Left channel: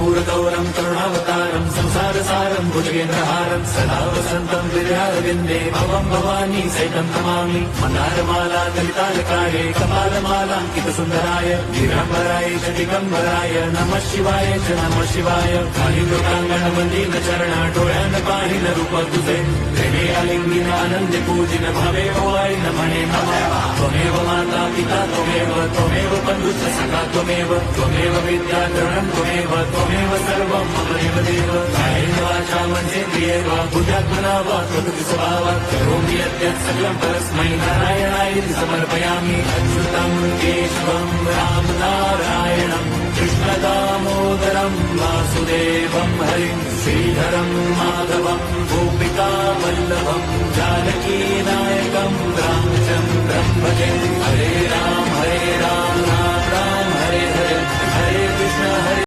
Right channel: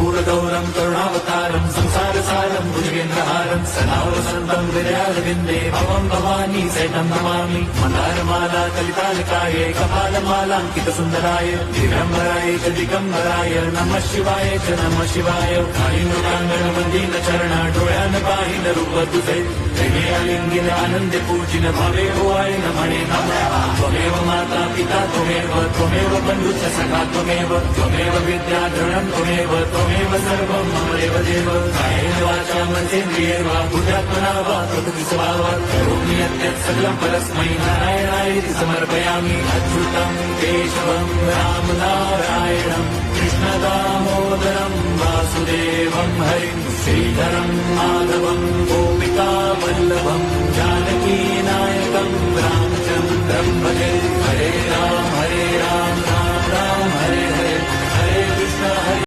कर्पूरगौरं करुणावतारं संसारसारं भुजगेन्द्रहारं सदा वसन्तं हृदयारविन्दे भवं भवानी सहितं नमामि। मन्दारमाला कलितालकाये कपालमालाङ्कितसुन्दराय दिगम्बराय च दिगम्बराय नमः शिवाय च नमः शिवाय। कालिंगोटांगण डोळ्यान पाहिन रूप तुझे प्रेमे अलिंगिन आनंद पूजिन भावे ओवाळी न म्हणे नमः। त्वमेव माता पिता त्वमेव बंधुश्च सखा त्वमेव विद्याधरणं त्वमेव सर्वं मम देवदेव। कायेन वाचा मनसेन्द्रियैर् वा बुद्ध्यात्मना वा प्रकृति स्वभावात् करोमि यद्यत् सकलं परस्मै नारायणायेति समर्पयामि। अच्युतं केशवं राम नारायणं कृष्णदामोदरं वासुदेवं हरिं श्रीधरं माधवं गोपिका वल्लभं जानकीनायकं रामचन्द्रं भजे। हरे राम राम राम हरे हरे हरे कृष्ण हरे